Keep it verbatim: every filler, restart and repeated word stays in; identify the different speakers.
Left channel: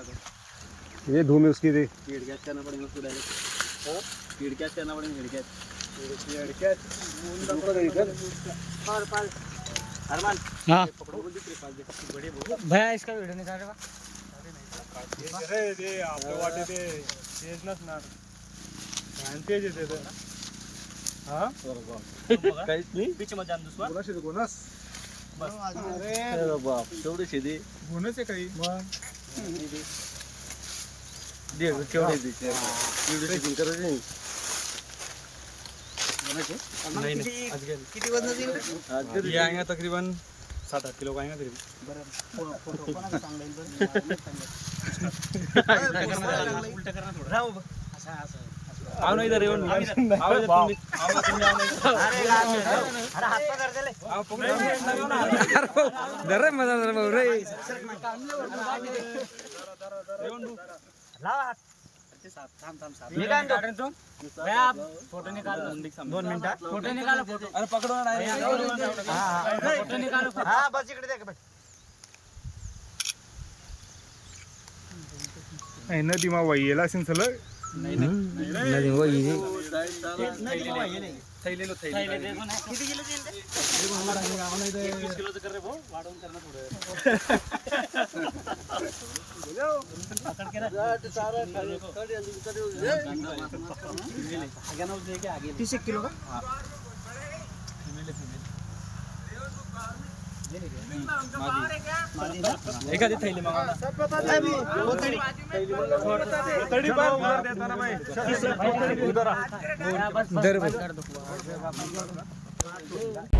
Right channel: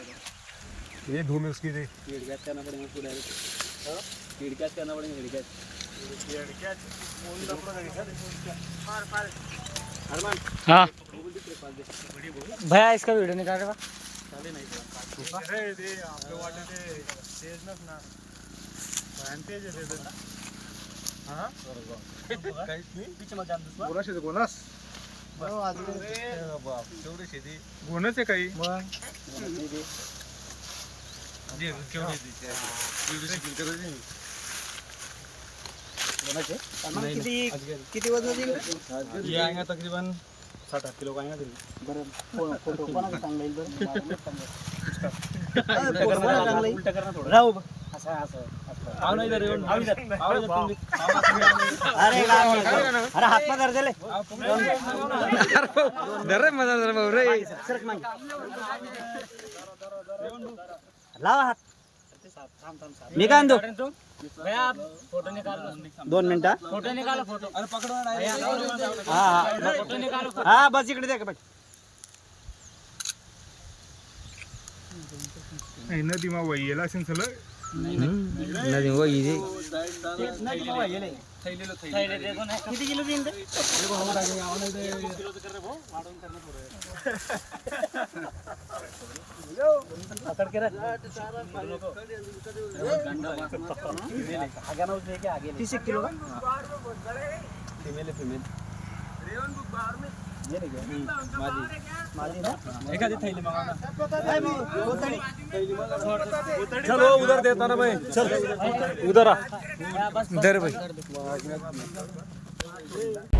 Speaker 1: ये धूम है उसकी थी
Speaker 2: हेड कैच करना पड़ेगा उसको डायरेक्ट हेड कैच करना पड़ेगा हेड कैच हेड कैच मुंडा पूरा हेड कैच पार पार अरमान
Speaker 3: हाँ
Speaker 2: बड़ी
Speaker 3: भैया इसका वीडियो निकालेगा
Speaker 1: अरे दे आपल्या वाटे ते तेज नस ना तेज येते ते हां
Speaker 2: काहीच नाही बीच मध्ये आण दुसरा
Speaker 1: कोणाशी ते कोणास
Speaker 2: अरे बाप तेवढे शेती
Speaker 1: गुणच आहे काही
Speaker 2: मग दे केवढे दे नहीं नहीं किती वजन ये आएगा तकरीबन साठ आठ किलो का आएगा करीब फोटो कोणाला सांगेल उल्टा करना थोड़ा राव असं असं आओ ना इधर येऊन आओ इधर तुम्ही आओ ना तुम्ही अरे अरे हात पकड दे ले आओ
Speaker 3: डर रे मजा रे भाऊ रे
Speaker 2: लावा हात थांब थांब साथ मी काय आणतो भैया आप फोटो निकालो दोन मिनिटं फोटो निकालो फोटो अरे पकडो ना हां फोटो निकालो हां बस इकडे दे का
Speaker 1: आहे नदी मा वाईला असेल चल
Speaker 3: नदी वो इजी
Speaker 2: थैलेलो थैले किती किलो देईन ते वीस किलोचं कर रे भाऊ वाढवून कर ना थोडं पकड के रे आगे ना दे के आगे तीस किलो का हां फीमेल है फीमेल ये नहीं मादी मादी ना एखादी थैली मागवना चलो उधर देता ना भाई उधर आ
Speaker 3: इधर भाई